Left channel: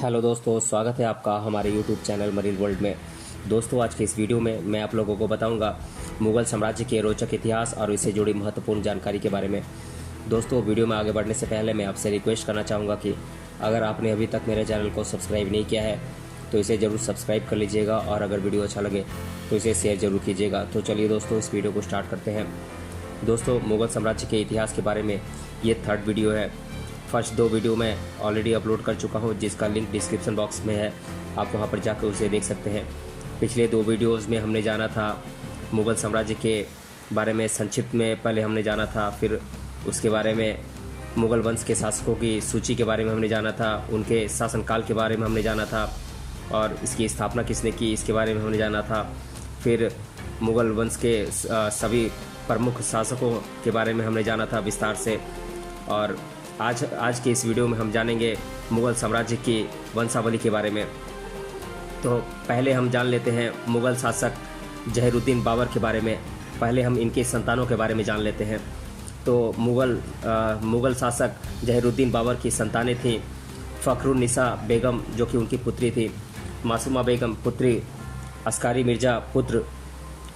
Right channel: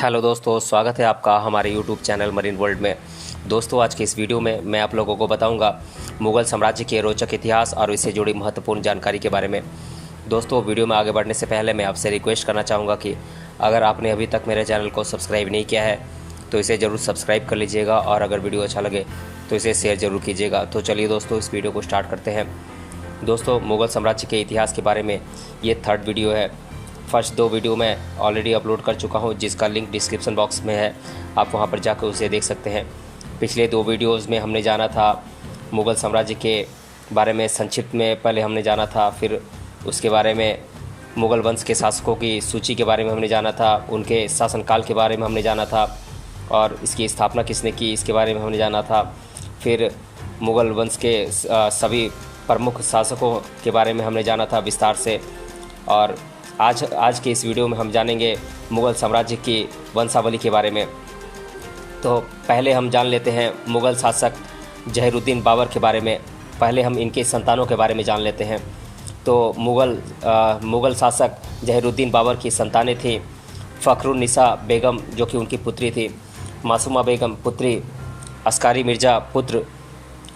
Hello दोस्तों, स्वागत है आपका हमारे यूट्यूब चैनल मरीन वर्ल्ड में। दोस्तों, आज के इस वीडियो में मैं आप लोगों को बताऊंगा मुग़ल साम्राज्य के रोचक इतिहास और इससे जुड़ी महत्वपूर्ण जानकारी के बारे में। दोस्तों, वीडियो में आगे बढ़ने से पहले मैं आपसे रिक्वेस्ट करना चाहूँगा कि अगर आपने अभी तक मेरे चैनल को सब्सक्राइब नहीं किया है तो इसे ज़रूर सब्सक्राइब कर लीजिएगा और अगर वीडियो अच्छा लगे तो इसे शेयर ज़रूर कीजिएगा। तो चलिए दोस्तों, इस वीडियो को स्टार्ट करते हैं। दोस्तों, मुग़ल साम्राज्य के इतिहास के बारे में ये थर्ड वीडियो है। फर्स्ट दो वीडियो मैं ऑलरेडी अपलोड कर चुका हूं, जिसका लिंक डिस्क्रिप्शन बॉक्स में है, आप वहां पर जाकर उसे देख सकते हैं। पिछले दो वीडियोस में हमने जाना था मुग़ल साम्राज्य के बारे में संक्षिप्त में, पहले हमने जाना था, फिर उसके बारे में मुग़ल वंश के शासकों की सूची के बारे में हमने जाना था, उनके शासनकाल के बारे में हमने जाना था और इसकी स्थापना किसने की इसके बारे में हमने जाना था। फिर मुग़ल वंश के सभी प्रमुख शासकों के बारे में हमने जाना था विस्तार से। और आज के इस वीडियो में हम जानेंगे मुग़ल साम्राज्य की वंशावली के बारे में। तो पहले हम जान लेते हैं मुग़ल शासक जहीरुद्दीन बाबर के बारे में। पहले हम इनके संतानों के बारे में जान लेते हैं। तो मुग़ल शासक जहीरुद्दीन बाबर की संतानें थीं फ़खरुन्निसा बेगम, जो कि उनकी पुत्री थी, मासूमा बेगम पुत्री, अस्कारी मिर्ज़ा पुत्र,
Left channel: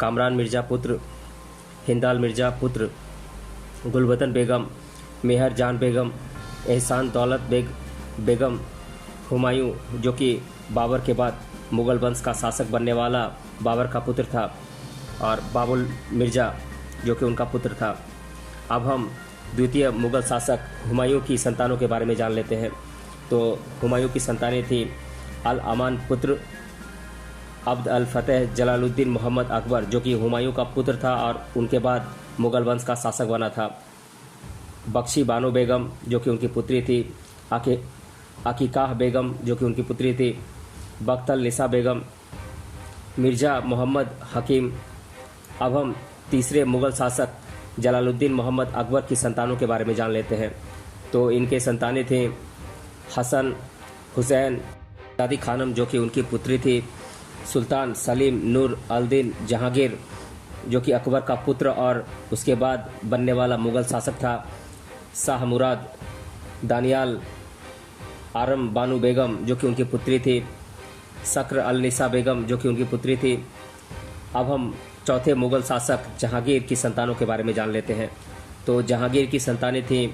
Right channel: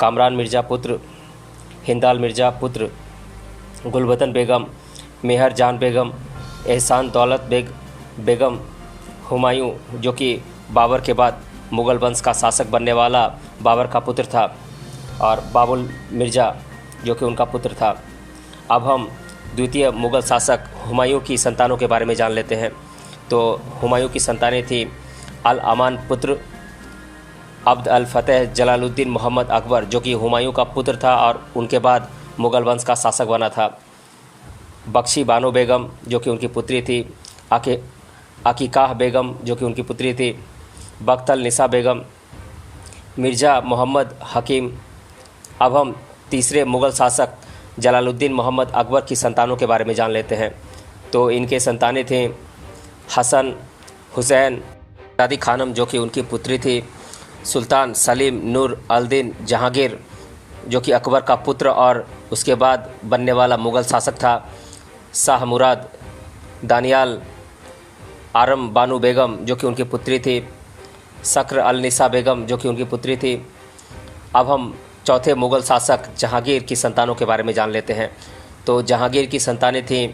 कामरान मिर्ज़ा पुत्र, हिंदाल मिर्ज़ा पुत्र, गुलबदन बेगम, मेहर जान बेगम, एहसान दौलत बेगम, हुमायूं, जो कि बाबर के बाद मुग़ल वंश का शासक बनने वाला बाबर का पुत्र था, और बाबुल मिर्ज़ा, जो कि उनका पुत्र था। अब हम द्वितीय मुग़ल शासक हुमायूं की संतानों के बारे में जान लेते हैं। तो हुमायूं की संतानें थी अल अमान पुत्र अब्द अल फ़तेह जलालुद्दीन मोहम्मद अकबर, जो कि हुमायूं का पुत्र था और उनके बाद मुग़ल वंश का शासक बना था। बख्शी बानो बेगम, जो कि उनकी पुत्री थी, अकीकाह बेगम, जो कि उनकी पुत्री थी, बख्तल निसा बेगम, मिर्ज़ा मोहम्मद हकीम। अब हम तीसरे मुग़ल शासक जलालुद्दीन मोहम्मद अकबर की संतानों के बारे में जान लेते हैं। तो इनके संतानें थीं हसन, हुसैन, दादी खानम, जो कि उनकी पुत्री थी, सुल्तान सलीम नूर अल-दीन जहांगीर, जो कि अकबर का पुत्र और उसके बाद बनने वाला मुग़ल शासक था, शाह मुराद, दानियाल आरम बानू बेगम, जो कि उनकी पुत्री थी, सक्र अल निसा बेगम, जो कि उनकी पुत्री थी। अब हम चौथे मुग़ल शासक जहांगीर की संतानों के बारे में जान लेते हैं। तो जहांगीर की संतानें थीं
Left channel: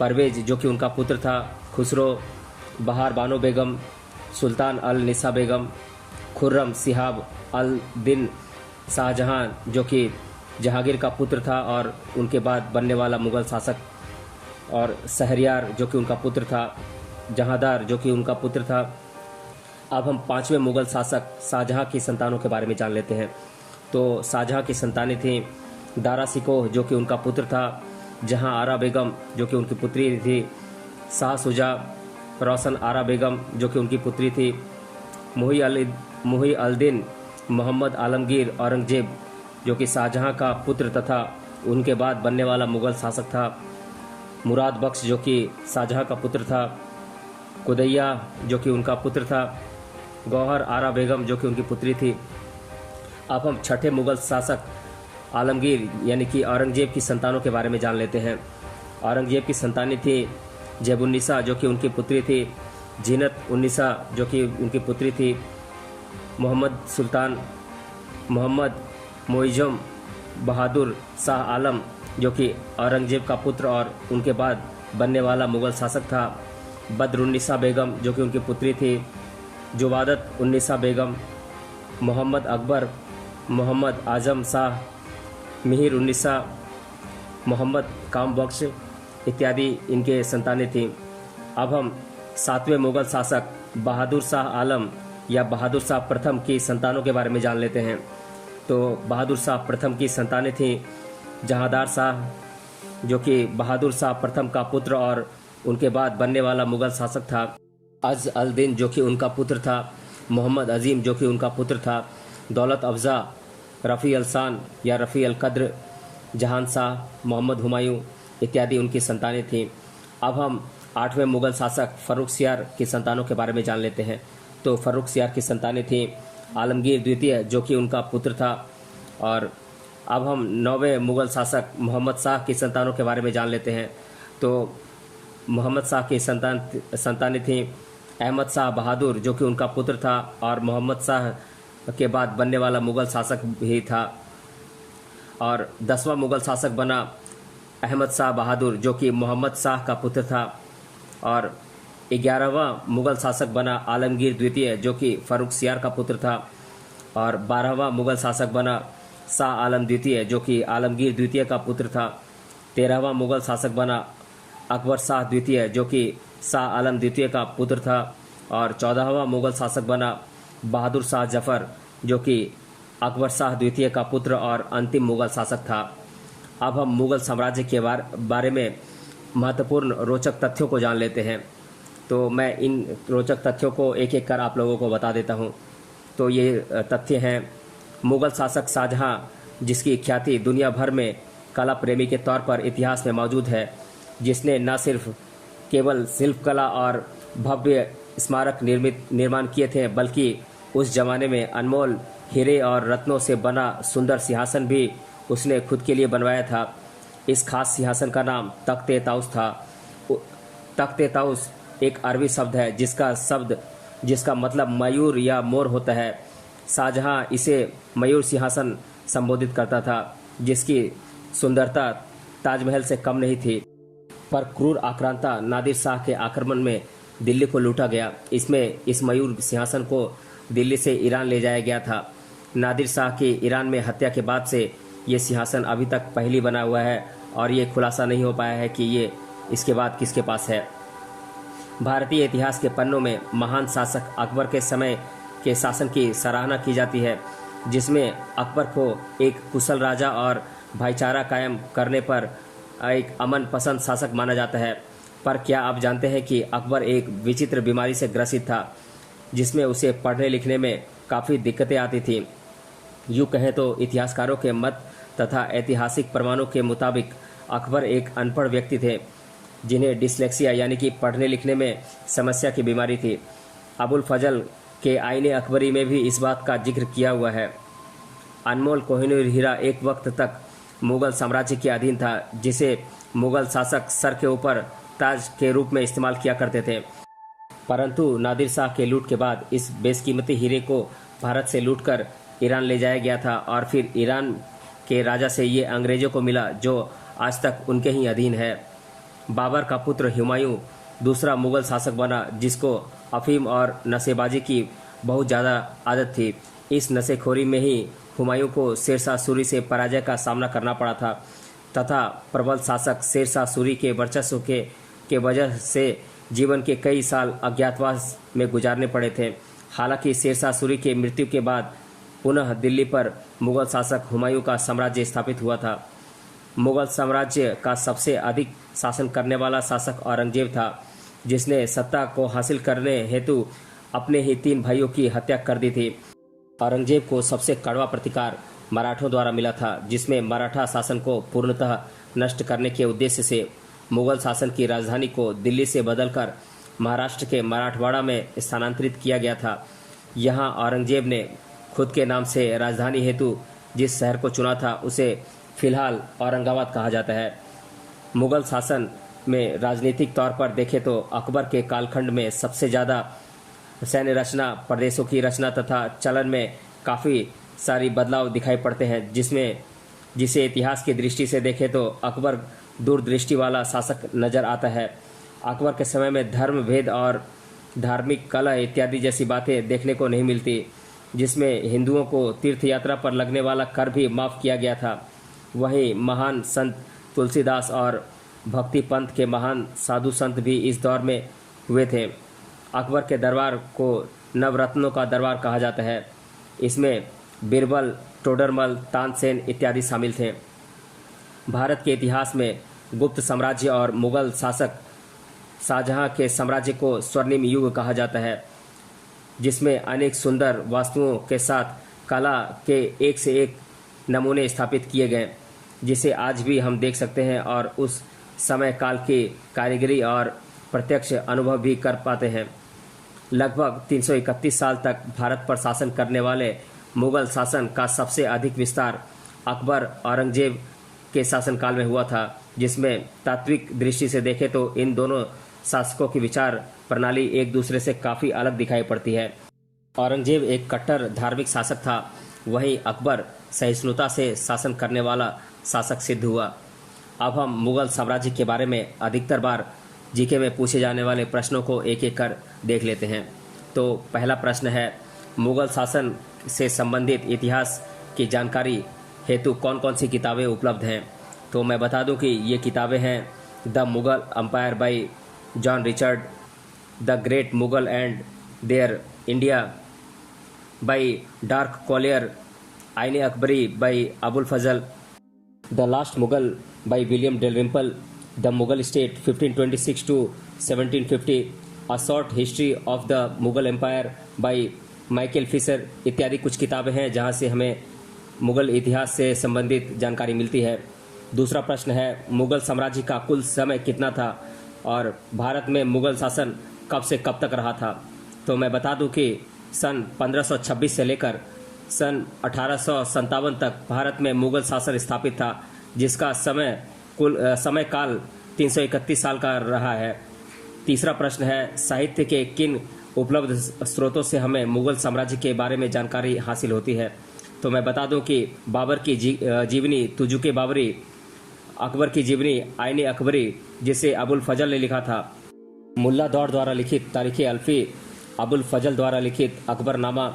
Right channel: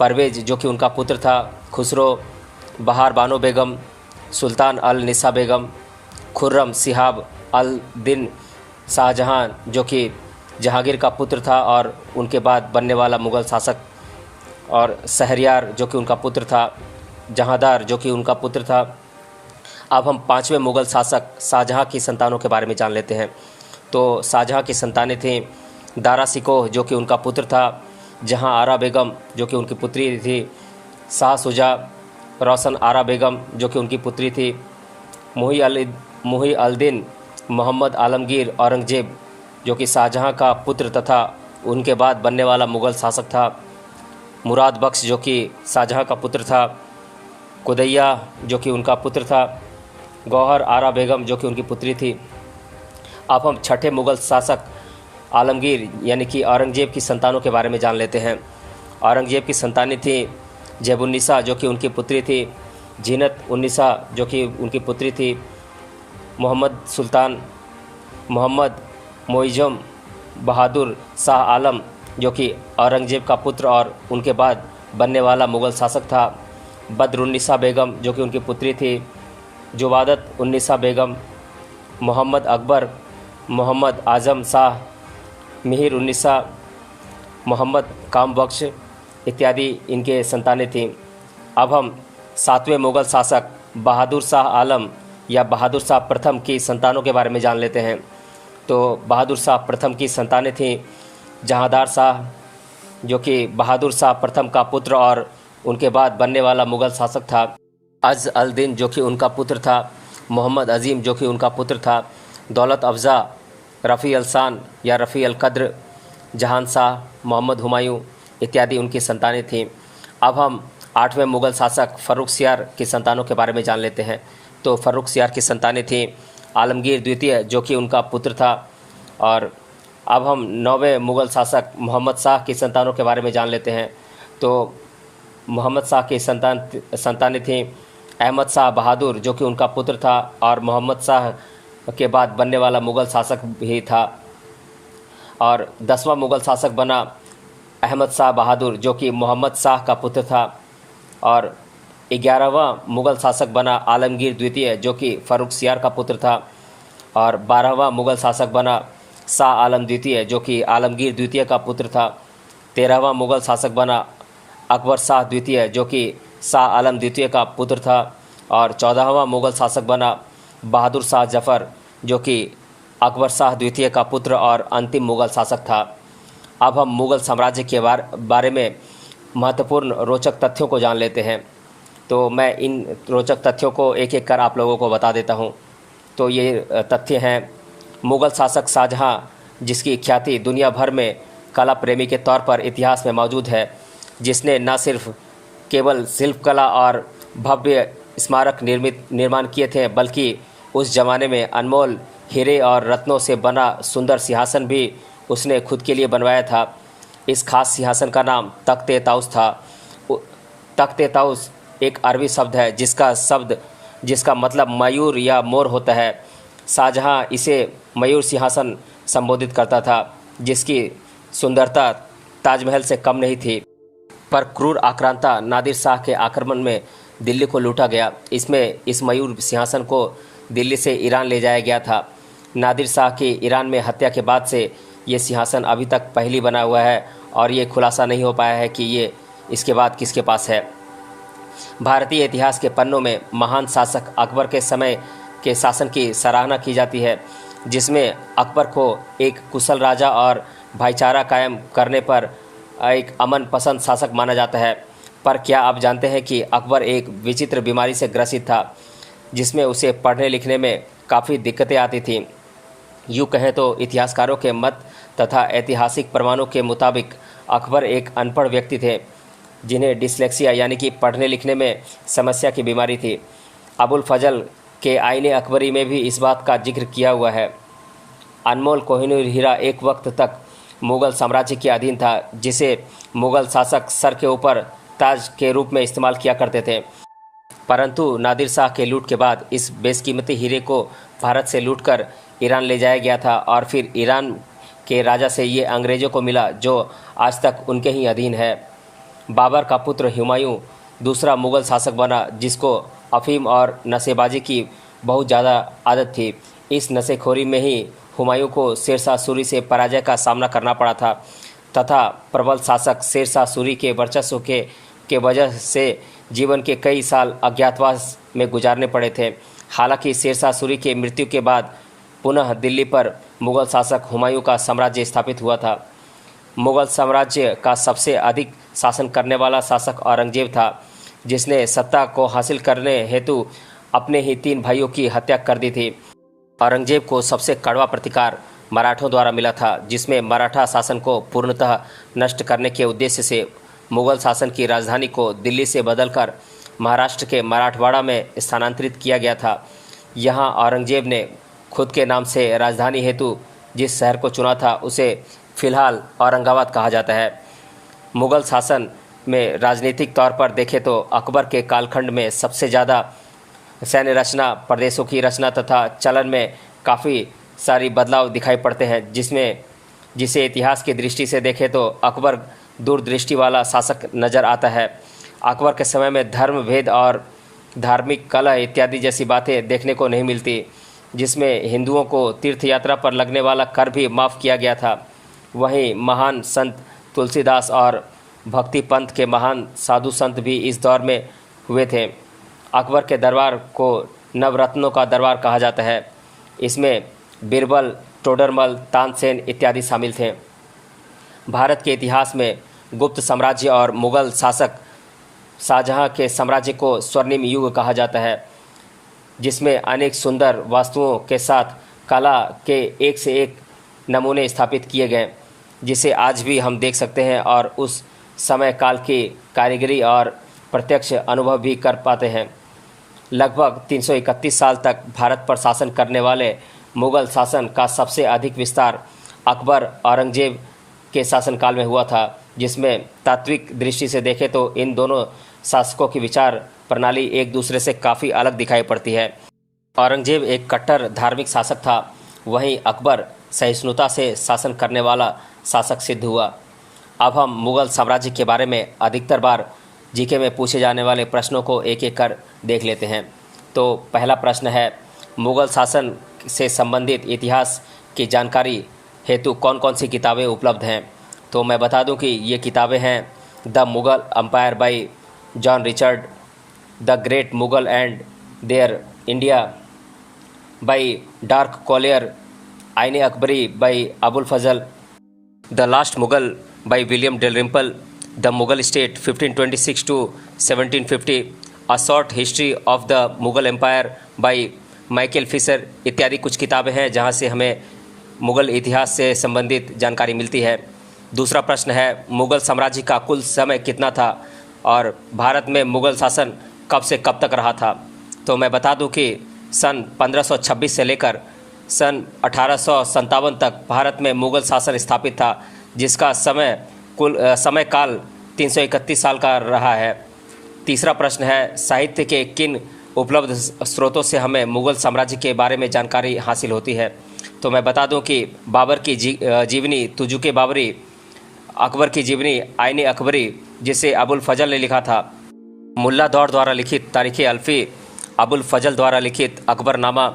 परवेज़, जो कि उनका पुत्र था, खुसरो, बहार बानो बेगम, सुल्तान अल निसा बेगम, खुर्रम सिहाब अल दिन शाहजहां, जो कि जहांगीर का पुत्र था और उनके बाद बनने वाला मुग़ल शासक, और शहरयार, जो कि उनका पुत्र था, जहांदार, जो कि उनका पुत्र था। अब हम पांचवें मुग़ल शासक शाहजहां की संतानों के बारे में जान लेते हैं। तो शाहजहां की संतानें थीं दारा शिकोह, जो कि उनका पुत्र था, जहां आरा बेगम, जो कि उनकी पुत्री थी, शाह शुजा, रोशन आरा बेगम, जो कि उनकी पुत्री थी, मुही अल-दीन मोहम्मद आलमगीर औरंगजेब, जो कि शाहजहां का पुत्र तथा उनके बाद बनने वाला मुग़ल शासक था, मुराद बख्श, जो कि शाहजहां का पुत्र था, कुदैया, जो कि उनका पुत्र था, गौहर आरा बेगम, जो कि उनकी पुत्री थी। अब हम छठे मुग़ल शासक आलमगीर यानी कि औरंगजेब की संतानों के बारे में जान लेते हैं। औरंगजेब की संतानें थीं जेबुन्निसा, जो कि उनकी पुत्री थी, जीनत उन्निसा, जो कि उनकी पुत्री थी, मोहम्मद सुल्तान, मोहम्मद मोइज़म बहादुर शाह आलम, जो कि औरंगजेब का पुत्र और उनके बाद बनने वाला मुग़ल शासक था, बदरुन्निसा बेगम, जो कि उनकी पुत्री थी, जुवादत उन्निसा बेगम, मोहम्मद अकबर, मोहम्मद आज़म शाह, मिहिर उन्निसा, मोहम्मद काम बख्श इत्यादि इनके संतानें थीं। अब हम सातवें मुग़ल शासक बहादुर शाह आलम या बहादुर शाह प्रथम की संतानों के बारे में जान लेते हैं। तो बहादुर शाह प्रथम की संतानें थीं जहांदार शाह, जो कि बहादुर शाह प्रथम का पुत्र और उनके बाद बनने वाला मुग़ल शासक था, अज़ अल दिन, जो कि उनका पुत्र था, मोहम्मद अज़ीम, जो कि उनका पुत्र था, दौलत अफ़ज़ा, रफ़ी अल शान या रफ़ी अल क़द्र, जहान शाह, मोहम्मद हुमायूं इत्यादि उनकी संतानें थीं। अब हम आठवें मुग़ल शासक फ़र्रुखसियार की संतानों के बारे में जान लेते हैं। तो फ़र्रुखसियार की संतानें थीं आलमगीर द्वितीय, जो कि उनका पुत्र था। और अब हम नौवें मुग़ल शासक मोहम्मद शाह की संतानों के बारे में जान लेते हैं। तो मोहम्मद शाह की संतानें थीं अहमद शाह बहादुर जो कि उनका पुत्र था और मोहम्मद शाह के बाद बनने वाला मुग़ल शासक भी था। और 10वां मुग़ल शासक बना अहमद शाह बहादुर जो कि मोहम्मद शाह का पुत्र था। और 11वां मुग़ल शासक बना आलमगीर द्वितीय जो कि फ़र्रुखसियार का पुत्र था। और 12वां मुग़ल शासक बना शाह आलम द्वितीय जो कि आलमगीर द्वितीय का पुत्र था। 13वां मुग़ल शासक बना अकबर शाह द्वितीय जो कि शाह आलम द्वितीय का पुत्र था। और 14वां मुग़ल शासक बना बहादुर शाह जफ़र जो कि अकबर शाह द्वितीय का पुत्र और अंतिम मुग़ल शासक था। अब हम मुग़ल साम्राज्य के बारे में महत्वपूर्ण रोचक तथ्यों को जान लेते हैं। तो मैं इन रोचक तथ्यों को एक एक कर आप लोगों को बता देता हूँ। तो ये तथ्य हैं, मुग़ल शासक शाहजहाँ जिसकी ख्याति दुनिया भर में कला प्रेमी के तौर पर इतिहास में मौजूद है, जिसने न सिर्फ केवल शिल्पकला और भव्य स्मारक निर्माण किए थे, बल्कि उस ज़माने में अनमोल हीरे और रत्नों से बना सुंदर सिंहासन भी उसने खुद के लिए बनवाया था। इस खास सिंहासन का नाम तख्त ताउस था। तख्त ताउस एक अरबी शब्द है जिसका मतलब मयूर या मोर होता है। शाहजहाँ इसे मयूर सिंहासन संबोधित करता था, जिसकी सुंदरता ताजमहल से कम नहीं थी। पर क्रूर आक्रांता नादिर शाह के आक्रमण में दिल्ली को लूटा गया। इस मयूर सिंहासन को दिल्ली से ईरान ले जाया गया था। नादिर शाह की ईरान में हत्या के बाद से ये सिंहासन अभी तक पहली बना हुआ है और ये खुलासा नहीं हो पाया है कि ये इसके बाद किसके पास है। भारतीय इतिहास के पन्नों में महान शासक अकबर के समय के शासन की सराहना की जाती है, जिसमें अकबर को एक कुशल राजा और भाईचारा कायम करने पर एक अमन पसंद शासक माना जाता है। पर क्या आप जानते हैं कि अकबर एक विचित्र बीमारी से ग्रसित था, जिसमें उसे पढ़ने लिखने में काफ़ी दिक्कतें आती थीं। यूँ कहें तो इतिहासकारों के मत तथा ऐतिहासिक प्रमाणों के मुताबिक अकबर एक अनपढ़ व्यक्ति थे, जिन्हें डिस्लेक्सिया यानी कि पढ़ने लिखने में समस्या की बीमारी थी। अबुल फजल के आईने अकबरी में भी इस बात का जिक्र किया हुआ है। अनमोल कोहिनूर हीरा एक वक्त तक मुग़ल साम्राज्य के अधीन था, जिसे मुग़ल शासक सर के ऊपर ताज के रूप में इस्तेमाल किया करते थे। परंतु नादिर शाह के लूट के बाद इस बेशकीमती हीरे को भारत से लूटकर ईरान ले जाया गया था और फिर ईरान के राजा से ये अंग्रेज़ों को मिला, जो आज तक उनके ही अधीन है। बाबर का पुत्र हुमायूं दूसरा मुग़ल शासक बना, जिसको अफीम और नशेबाजी की बहुत ज़्यादा आदत थी। इस नशेखोरी में ही हुमायूं को शेर शाह सूरी से पराजय का सामना करना पड़ा था तथा प्रबल शासक शेर शाह सूरी के वर्चस्व के वजह से जीवन के कई साल अज्ञातवास में गुजारने पड़े थे। हालांकि शेर शाह सूरी की मृत्यु के बाद पुनः दिल्ली पर मुग़ल शासक हुमायूं का साम्राज्य स्थापित हुआ था। मुग़ल साम्राज्य का सबसे अधिक शासन करने वाला शासक औरंगजेब था, जिसने सत्ता को हासिल करने हेतु अपने ही 3 भाइयों की हत्या कर दी थी। औरंगजेब को सबसे कड़वा प्रतिकार मराठों द्वारा मिला था, जिसमें मराठा शासन को पूर्णतः नष्ट करने के उद्देश्य से मुग़ल शासन की राजधानी को दिल्ली से बदलकर महाराष्ट्र के मराठवाड़ा में स्थानांतरित किया गया था। यहाँ औरंगजेब ने खुद के नाम से राजधानी हेतु जिस शहर को चुना था, उसे फ़िलहाल औरंगाबाद कहा जाता है। मुग़ल शासन में राजनीतिक तौर पर देखें तो अकबर के कालखंड में सबसे ज़्यादा सैन्य रचना, प्रदेशों की रचना तथा चलन में काफ़ी सारी बदलाव दिखाई पड़ते हैं, जिसे इतिहास की दृष्टि से देखें तो अकबर दूरदृष्टि वाला शासक नज़र आता है। अकबर के समय में धर्म भेद और धार्मिक कलह इत्यादि जैसी बातें देखने को नहीं मिलती, जिसमें हिंदुओं को तीर्थ यात्रा पर लगने वाला कर भी माफ़ किया गया था। वहीं महान संत तुलसीदास और भक्ति पंथ के महान साधु संत भी इस दौर में हुए थे। अकबर के दरबार को नवरत्नों का दरबार कहा जाता है। इसमें बीरबल, टोडरमल, तानसेन इत्यादि शामिल थे। भारत के इतिहास में गुप्त साम्राज्य और मुग़ल शासक शाहजहाँ के साम्राज्य को स्वर्णिम युग कहा जाता है, जिसमें अनेक सुंदर वास्तुओं के साथ कला के एक से एक नमूने स्थापित किए गए, जिसे आज भी हम देख सकते हैं और उस समय काल की कारीगरी और प्रत्यक्ष अनुभव भी कर पाते हैं। लगभग 331 साल तक भारत पर शासन करने वाले मुग़ल शासन का सबसे अधिक विस्तार अकबर औरंगजेब के शासनकाल में हुआ था, जिसमें तात्विक दृष्टि से देखें तो इन दोनों शासकों की विचार प्रणाली एक दूसरे से काफ़ी अलग दिखाई पड़ती है। औरंगजेब एक कट्टर धार्मिक शासक था, वहीं अकबर सहिष्णुता से शासन करने वाला शासक सिद्ध हुआ। अब हम मुग़ल साम्राज्य के बारे में अधिकतर बार जीके में पूछे जाने वाले प्रश्नों को एक एक कर देख लेते हैं। तो पहला प्रश्न है, मुग़ल शासन से संबंधित इतिहास की जानकारी हेतु कौन कौन सी किताबें उपलब्ध हैं। तो मैं बता दूं कि ये किताबें हैं the Mughal empire by John Richard, the great Mughal and their India by Dirk Collier, Aine Akbari by Abul Fazal, the last Mughal by William Dalrymple, the Mughal state 1526 to 1750, a short history of the Mughal empire by Michael Fisher इत्यादि कुछ किताबें हैं जहां से हमें मुग़ल इतिहास से संबंधित जानकारी मिलती है। दूसरा प्रश्न है, मुग़ल साम्राज्य का कुल समय कितना था और भारत में मुग़ल शासन कब से कब तक रहा था। तो मैं बता दूं कि सन 1526 से लेकर सन 1857 तक भारत में मुग़ल शासन स्थापित था, जिसका समय काल 331 साल का रहा है। तीसरा प्रश्न है, साहित्य के किन उपलब्ध स्रोतों से हमें मुग़ल साम्राज्य के बारे में जानकारी हासिल होती है। तो मैं बता दूं कि बाबर की जीवनी तुजुके बाबरी, अकबर की जीवनी आईने अकबरी जिसे अबुल फजल ने लिखा था, मुल्ला दौर द्वारा लिखित तारीख़ अल्फ़ी, अबुल फजल द्वारा लिखित अकबरनामा,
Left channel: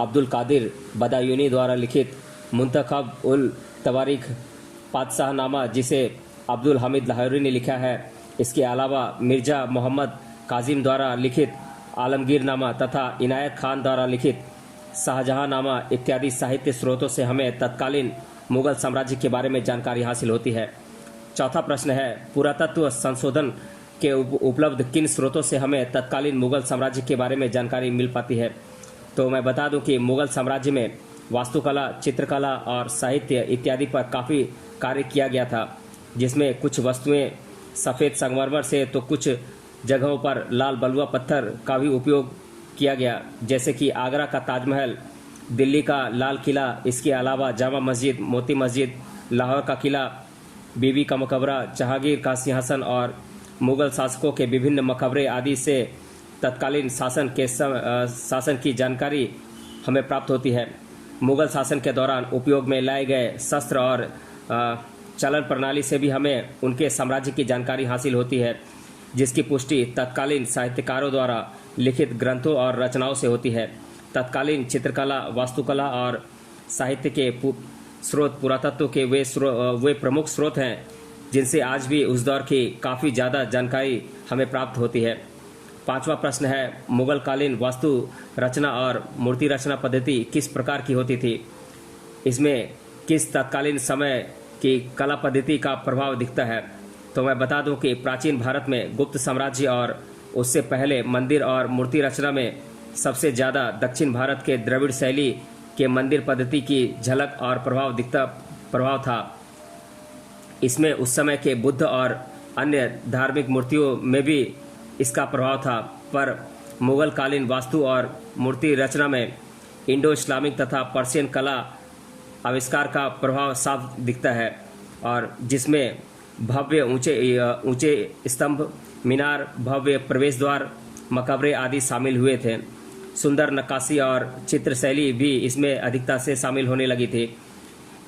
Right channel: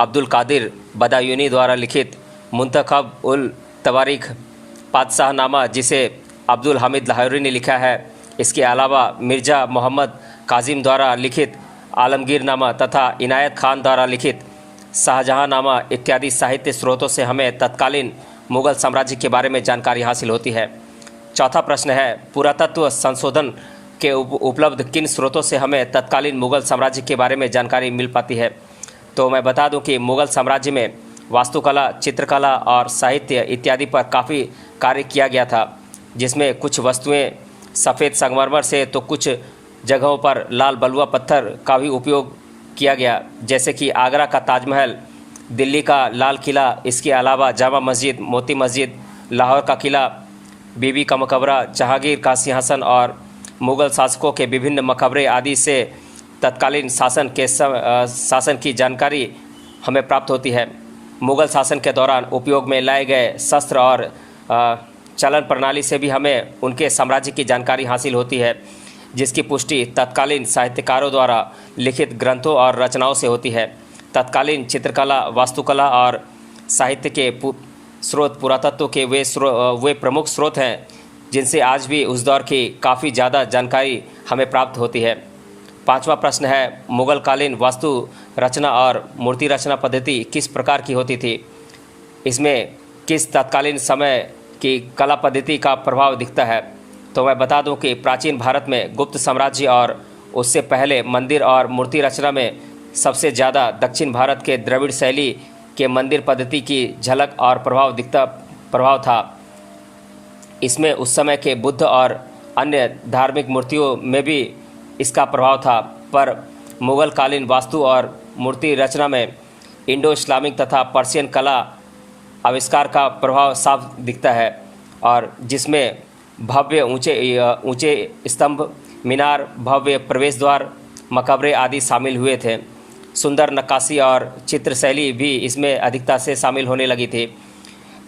अब्दुल कादिर बदायूनी द्वारा लिखित मुंतखब उल तवारीख, पातशाहनामा जिसे अब्दुल हामिद लाहौरी ने लिखा है। इसके अलावा मिर्ज़ा मोहम्मद काजिम द्वारा लिखित आलमगीरनामा तथा इनायत खान द्वारा लिखित शाहजहाँनामा इत्यादि साहित्य स्रोतों से हमें तत्कालीन मुग़ल साम्राज्य के बारे में जानकारी हासिल होती है। चौथा प्रश्न है, पुरातत्व संशोधन के उपलब्ध किन स्रोतों से हमें तत्कालीन मुग़ल साम्राज्य के बारे में जानकारी मिल पाती है। तो मैं बता दूं कि मुग़ल साम्राज्य में वास्तुकला, चित्रकला और साहित्य इत्यादि पर काफ़ी कार्य किया गया था, जिसमें कुछ वस्तुएं सफ़ेद संगमरमर से तो कुछ जगहों पर लाल बलुआ पत्थर का भी उपयोग किया गया, जैसे कि आगरा का ताजमहल, दिल्ली का लाल किला, इसके अलावा जामा मस्जिद, मोती मस्जिद, लाहौर का किला, बीबी का मकबरा, जहांगीर का सिंहासन और मुग़ल शासकों के विभिन्न मकबरे आदि से तत्कालीन शासन की जानकारी हमें प्राप्त होती है। मुग़ल शासन के दौरान उपयोग में लाए गए शस्त्र और चलन प्रणाली से भी हमें उनके साम्राज्य की जानकारी हासिल होती है, जिसकी पुष्टि तत्कालीन साहित्यकारों द्वारा लिखित ग्रंथों और रचनाओं से होती है। तत्कालीन चित्रकला, वास्तुकला और साहित्य के स्रोत पुरातत्व के वे प्रमुख स्रोत हैं जिनसे आज भी उस दौर की काफ़ी ज़्यादा जानकारी हमें प्राप्त होती है। पांचवा प्रश्न है, मुग़ल कालीन वास्तु रचना और मूर्ति रचना पद्धति किस प्रकार की होती थी। इसमें किस तत्कालीन समय की कला पद्धति का प्रभाव दिखता है। तो मैं बता दूं कि प्राचीन भारत में गुप्त साम्राज्य और उससे पहले मंदिर और मूर्ति रचना में सबसे ज़्यादा दक्षिण भारत के द्रविड़ शैली के मंदिर पद्धति की झलक और प्रभाव था। इसमें उस समय के बुद्ध और अन्य धार्मिक मूर्तियों में भी इसका प्रभाव था, पर मुग़ल कालीन वास्तु और मूर्ति रचना में इंडो इस्लामिक तथा पर्शियन कला आविष्कार का प्रभाव साफ दिखता है, और जिसमें भव्य ऊंचे स्तंभ, मीनार, भव्य प्रवेश द्वार, मकबरे आदि शामिल हुए थे। सुंदर नक्काशी और चित्र शैली भी इसमें अधिकता से शामिल होने लगी थी।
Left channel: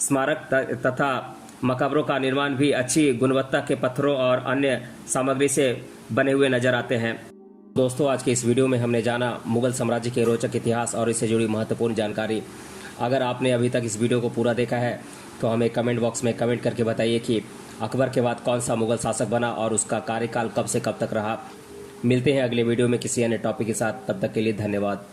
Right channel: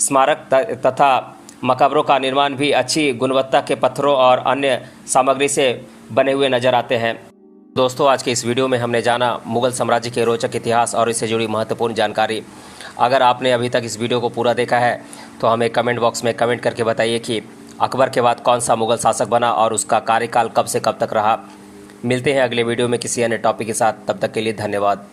स्मारक तथा मकबरों का निर्माण भी अच्छी गुणवत्ता के पत्थरों और अन्य सामग्री से बने हुए नजर आते हैं। दोस्तों, आज के इस वीडियो में हमने जाना मुग़ल साम्राज्य के रोचक इतिहास और इससे जुड़ी महत्वपूर्ण जानकारी। अगर आपने अभी तक इस वीडियो को पूरा देखा है तो हमें कमेंट बॉक्स में कमेंट करके बताइए कि अकबर के बाद कौन सा मुग़ल शासक बना और उसका कार्यकाल कब से कब तक रहा। मिलते हैं अगले वीडियो में किसी अन्य टॉपिक के साथ, तब तक के लिए धन्यवाद।